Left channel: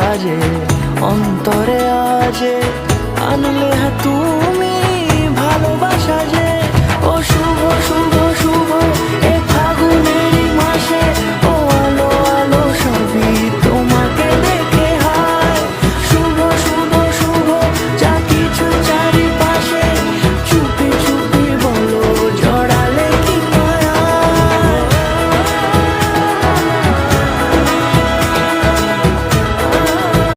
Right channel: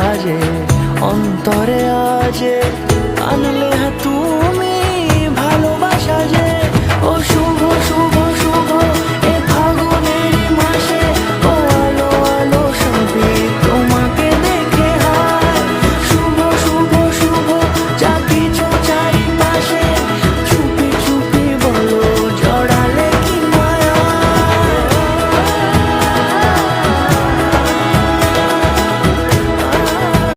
সাজে অন্তরে আজে আনলে তুমি ভালোবাসা যে ও শুভ শুভ